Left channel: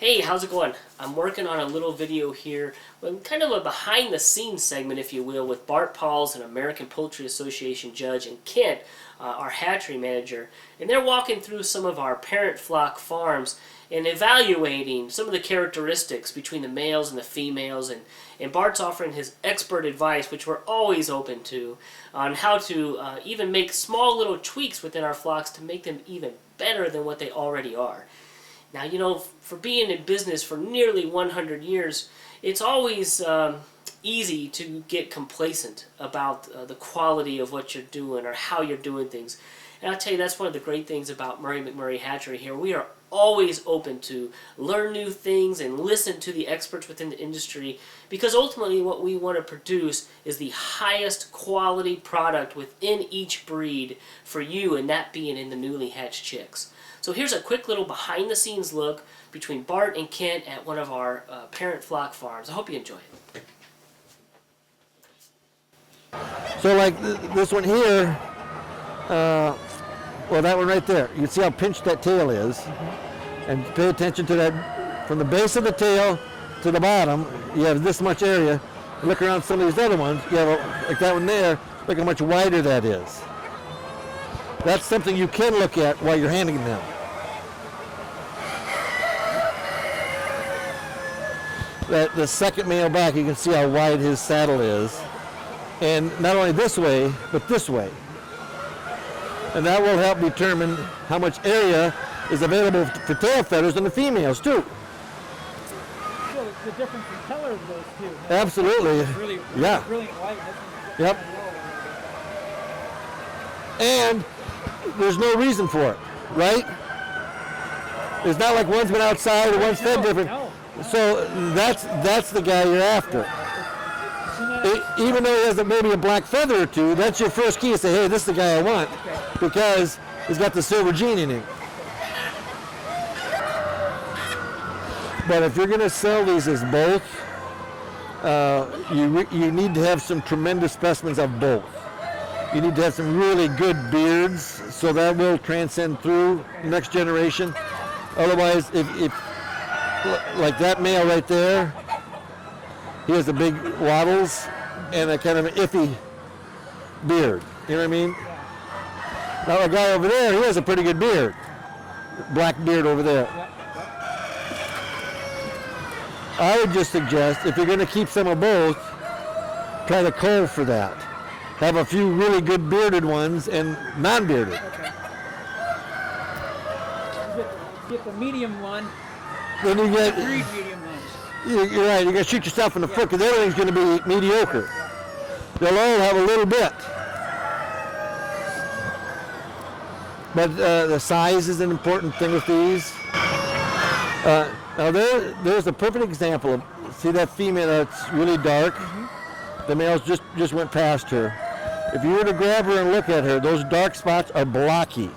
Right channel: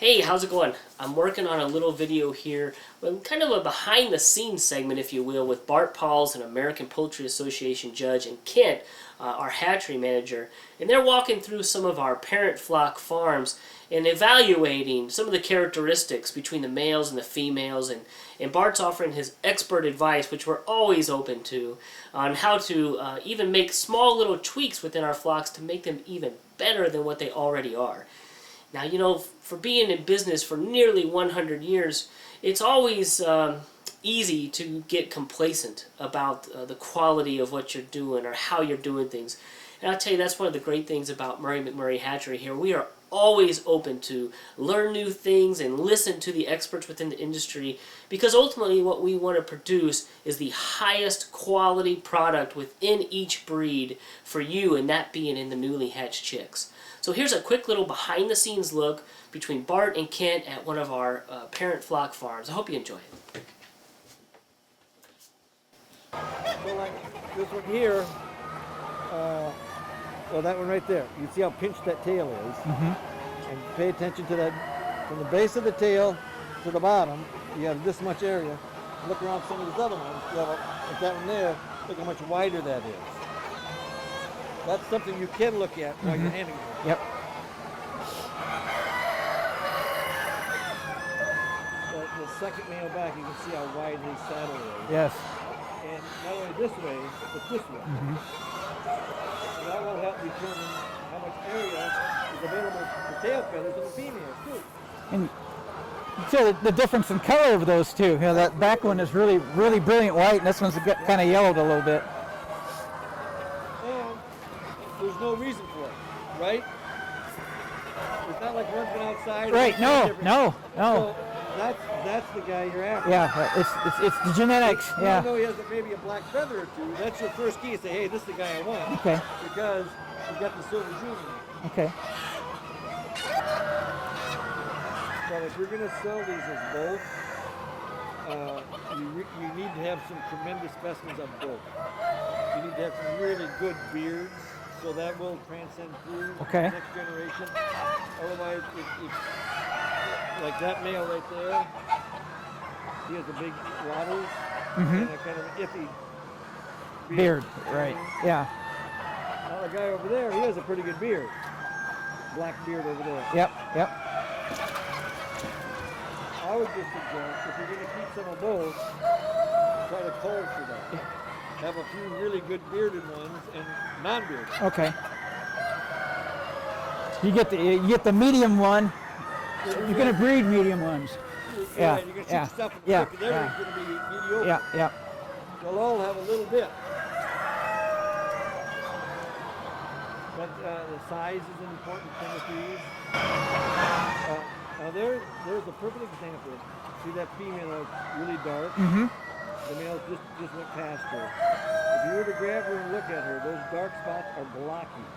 Hey, how's it going? I'm working on a little video here, kind of a behind the scenes segment, if you will, with Bart Pauls, an American Poultry Association judge, and Kent, our hatchery manager. And they're walking through some of our parent flock farms and evaluating some of the characteristics between the males and the females. And Bart's offering his expert advice, which we're always open to, on how to even make small little tweaks within our flocks to make them even better than what they already are. Now, you know, for being in business for nearly 100 years, it's always easy to get complacent about the quality of what you're doing or how you're doing things. And I'll tell you, that's one of the great things about McMurray Hatchery here. We are always open to learn new things and listen to the experts within the industry, because ultimately what we want to produce is the highest quality product within each breed for you, and that being in the newly hatched chicks. So here's a quick little behind the scenes look between Bart and Kent at one of our parent flock farms. I hope you enjoy it. So like this one here, well, that one right there, you can see how pinched that tail is. Mm-hmm. And pay attention to that, from the base of the tail to the bottom, you have this much area. Look around some of these other ones, you have like that one there, look how much wider that is. That's something you can look at while you're handling them. Yep. The second male back, you can see how wide his saddle is. Yes. And not only this way, but this way. Mm-hmm. And that will help determine how much area is available for tail feathers in the females too. And so the difference in color of those two. You know, absolutely. That one is really brilliant white, and this one's kind of yellowed a little bit. And there's no reason for it, right? It's not like one's been outside or one's fed different. No. So that's the guy you're after. Yeah, it's the genetics. Even though he has maybe a black feather or two, that's your first key to say, hey, this is the guy I want. Okay. Because he's got the silver gene in him. Okay. But if you're going to sell these as both, you need to have some tremendous specimens of both. You need to have some really good beards, so that will transcend through the next generation. Otherwise, if like that male right there, he has the big wattles and a kind of an iffy beard. You know what I mean? Yeah. Now the guy over there, he has a pretty good beard. Black beard over there. Yep. I would just suggest, if you're going to keep some of both, try to cull for that. Have a few really good bearded ones and non-bearded. Okay. You get the medium one. Then you get breed medium ones. You're right. You got to shoot yourself in the foot, because everything's going to be mediocre. Yeah. They'll all have a little bit. But the size is an important thing with these. Now there's a perfect example of, see that female that's really dark? Mm-hmm. The males just went past her. If you were to grab her and look at her, those dark spots are blocky.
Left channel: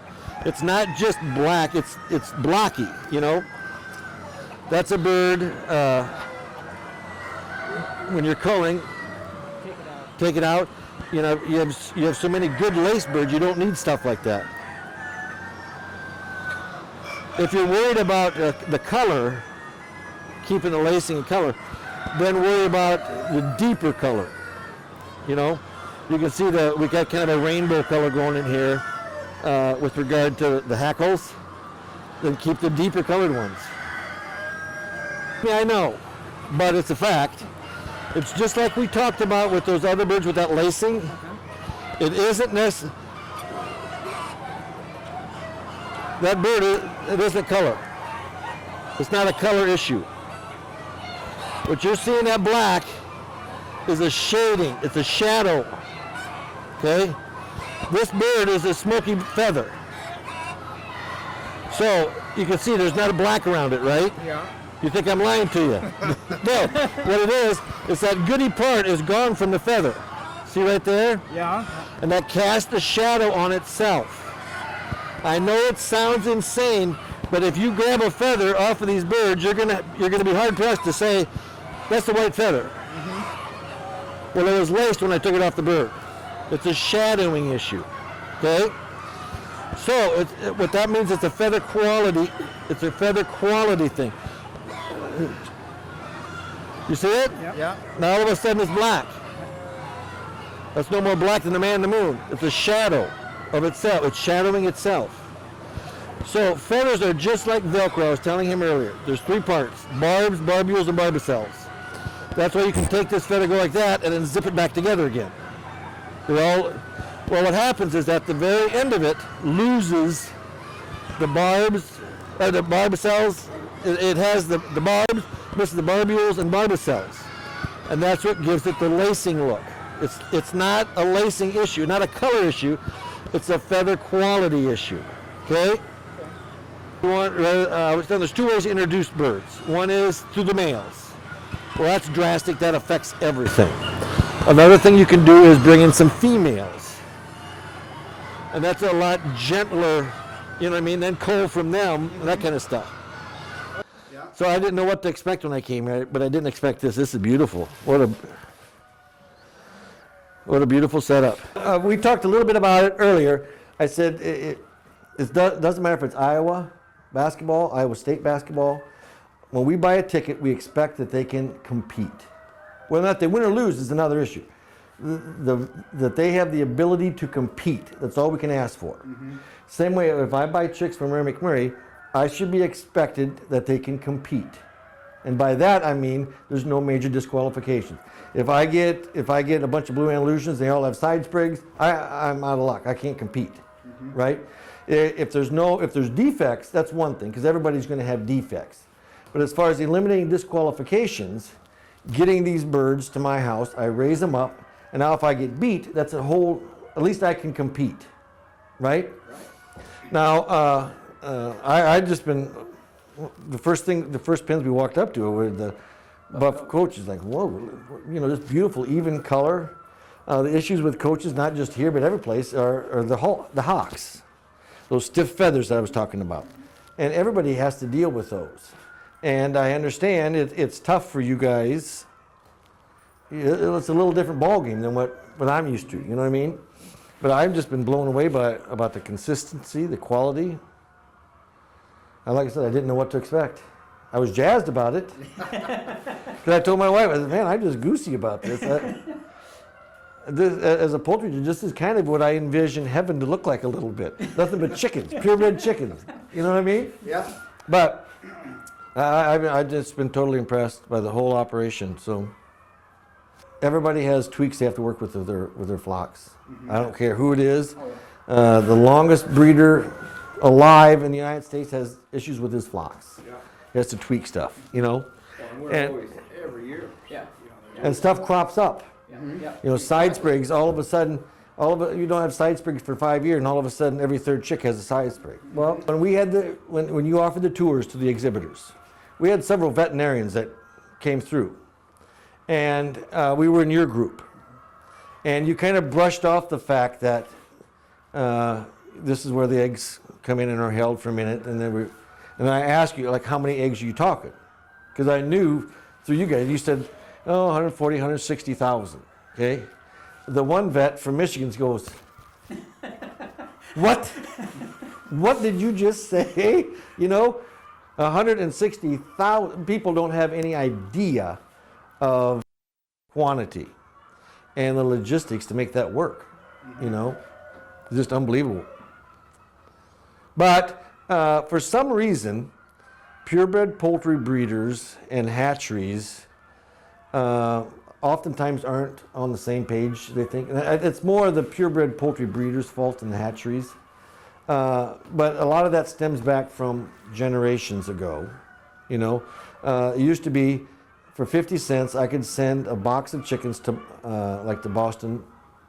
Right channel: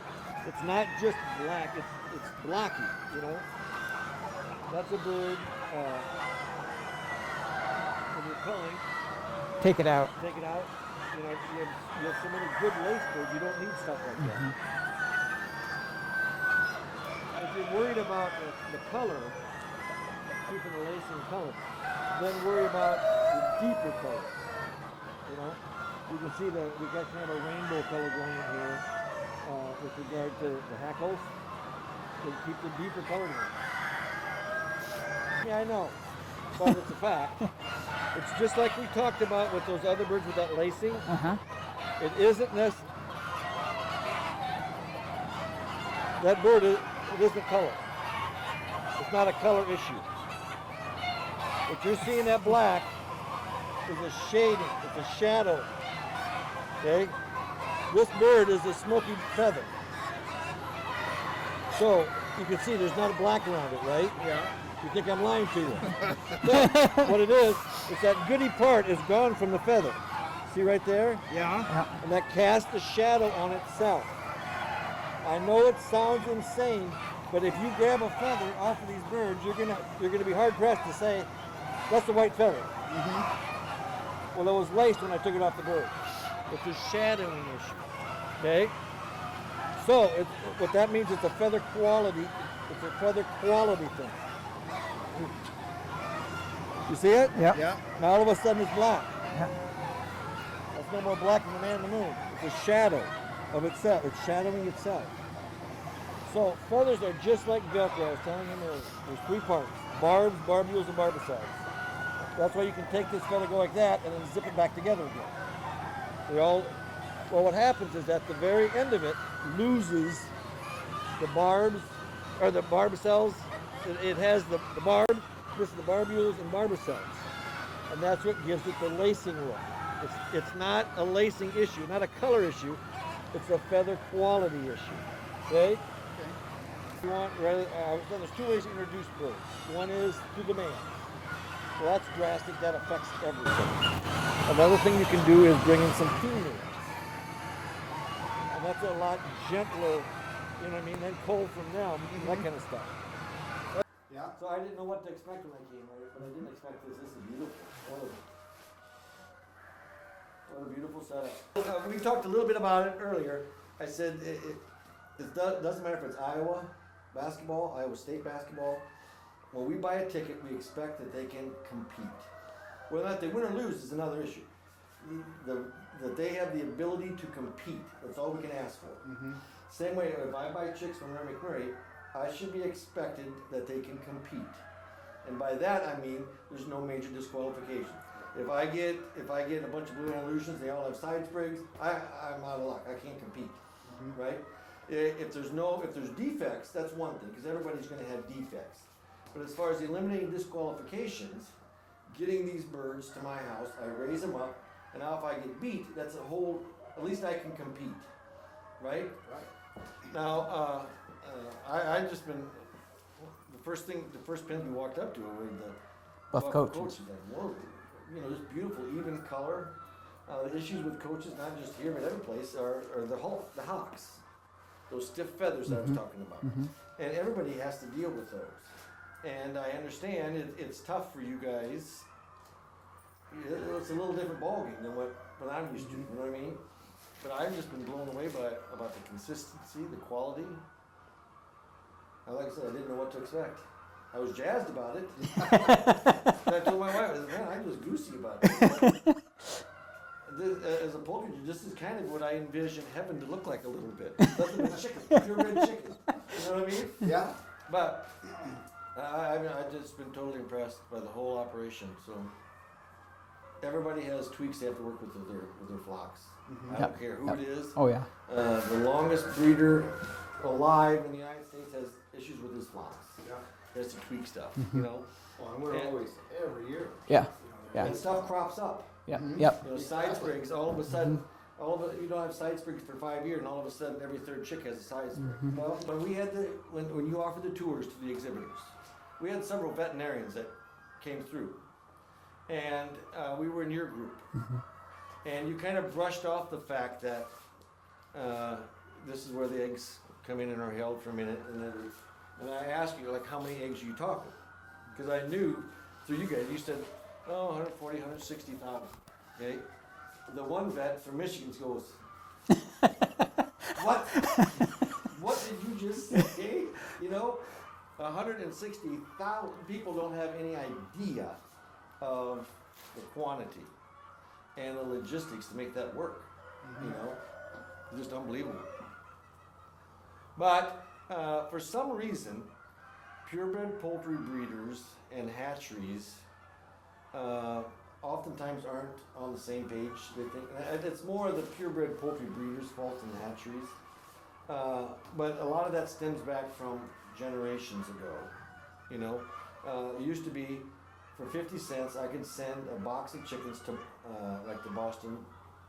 It's not just black, it's blocky, you know? That's a bird, when you're culling, take it out. You know, you have so many good lace birds, you don't need stuff like that. If you're worried about the color, keeping the lacing and color, then worry about the deeper color. You know, you can see we got kind of a rainbow color going in here with regard to the hackles. Then keep the deeper colored ones. Yeah, I know, but it's a fact. It's just like we talked about with those other birds with that lacing. It isn't necessary. That bird, it isn't color. It's not a color issue. What you're seeing that black is a shading. It's a shadow. Okay? This bird is a smoky feather. So you can see there's not a black around it, right? Yeah. You think I'm lying to you? No. What it is that goody part is gone from the feather. See right there? Yeah. And that casts a shadow on itself. I know it sounds insane, but if you grab a feather off of these birds, you're gonna be hard pressed to say that's the white feather. Mm-hmm. Well, it was laced when I took it off the bird. It's a shadowing issue. Okay. So what that means, it's a feather quality. It's a feather quality thing. You see it? Yeah. Yeah. Now all of a sudden it's black. That's no more black than the man in the moon. It's a shadow of itself. It's shadowing itself. So feathers are just like Velcro. I was telling him earlier. There's 3 parts: barbs, barbules, and barbicels. That's why you can take this feather, go like that, and then zip it back together again. Well, what happens is at the very end of it loses the barbs, or the barbicels. It has the barbs, misses the barbules and barbicels. And that's what gives it the lacing look. It's not a lacing issue, not a color issue. It's a feather quality issue. Okay? There's 2 ways to introduce birds. One is through the males. Well, that's drastic. That affects everything. Another thing you can do is bring in some females. And that's a lot gentler, you know what I mean, then cull from them, that kind of stuff. Yeah. So I didn't know what to expect when I came here, but I didn't expect this. This is beautiful. What a beautiful setup. We talked a little bit about it earlier. I said it doesn't matter if it's Iowa basketball, Iowa State basketball. When we buy a ticket, we expect that they can compete. Whether or not they win or lose is another issue. That they have the ability to compete. That's all we can ask for. Same way, if I buy chicks from McMurray, I should be expected that they can compete. And by that I mean there's no major disqualifications. If I get a bunch of blue Andalusians, they all have side sprigs, I'm out of luck. I can't compete, right? If there's defects, that's one thing, because everybody's going to have defects. But as far as eliminating disqualifications, getting these birds to my house, I raise them up, and now if I get beat, that's at least I can compete, right? Now, I just been, the first pins we walked up to were the buff coaches, like, whoa, this beautiful even color. The issues with coaches, not just here, but every place, are the hawks, those stiff feathers that I was talking about. And everybody has to deal with those. And I understand it's tough for you guys. It's a little different ballgame than what I'm used to, you know what I mean? But I've just been blown away about the consistency, the quality. And like I said, I didn't know what to expect. I was jazzed about it. But I told my wife, I said, man, I'm just goosey about this. As a poultry, this is kind of what I envision heaven to look like a little bit. Nothing but chickens, purebred chickens. You know what I mean? Yeah. But I've just been totally impressed by the whole operation. So everybody has tweaks they have to work with their flocks. I don't care who it is. Oh, yeah. The longest breeder alive in the United States has issues with his flocks. Yeah. He has to tweak stuff, you know. Every year. Yeah. And stuff crops up. Yeah. Yep. You know, side sprigs. All of a sudden, you don't have side sprigs for 5 years, and all of a sudden, every 3rd chick has a side sprig. Well, when you offered the tours to the exhibitors, we had several veterinarians that came through, and we were in your group, and you kind of brushed off the fact that this is where the eggs come in and are held for a minute, and I asked you, like, how many eggs are you talking? Because I knew through you guys, you said, 140, 160,000, okay? The one vet from Michigan goes, what? What did you just say? 160,000 people don't have any idea of quantity and the logistics to make that work, It's just unbelievable. But for some reason, purebred poultry breeders and hatcheries oftentimes aren't on the same page, they think. And it's more the purebred poultry breeders' fault than the hatcheries. But a lot of that stems back from generations ago. It used to be for 50 cents I could send a box of chickens to like the Boston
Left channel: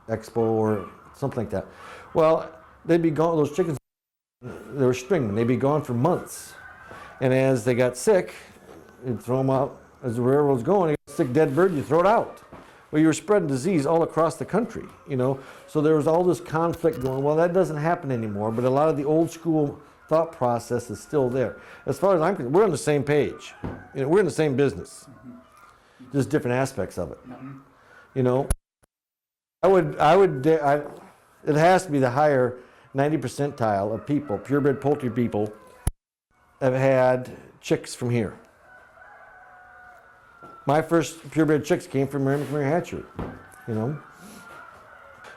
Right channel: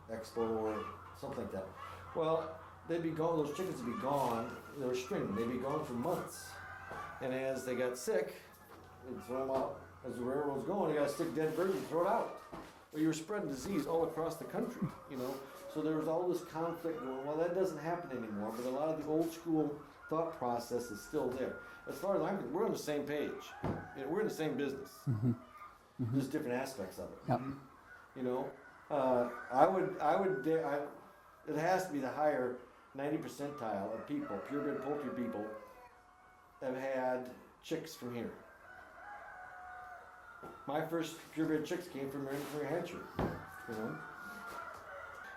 Expo or something like that. Well, they'd be gone, those chickens would be gone. They were stringmen, they'd be gone for months. And as they got sick, you'd throw them out. As the railroad's going, you got a sick dead bird, you throw it out. Well, you were spreading disease all across the country, So there was all this conflict going. Well, that doesn't happen anymore, but a lot of the old school thought process is still there. As far as I'm concerned, we're on the same page. We're in the same business, just different aspects of it. Yep. It has to be the higher 90 percentile of people, purebred poultry people, have had chicks from here. My first purebred chicks came from McMurray Hatchery, you know.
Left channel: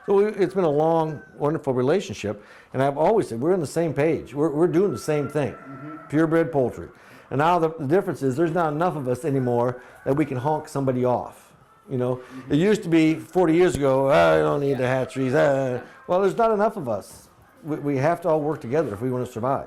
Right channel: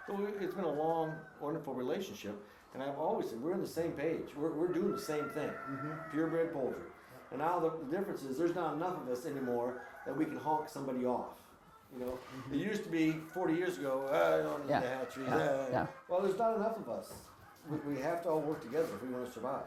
So it's been a long, wonderful relationship, and I've always said we're on the same page. We're doing the same thing, purebred poultry. And now the difference is there's not enough of us anymore that we can honk somebody off. You know, it used to be 40 years ago, I don't need the hatcheries. Well, there's not enough of us. We have to all work together if we want to survive.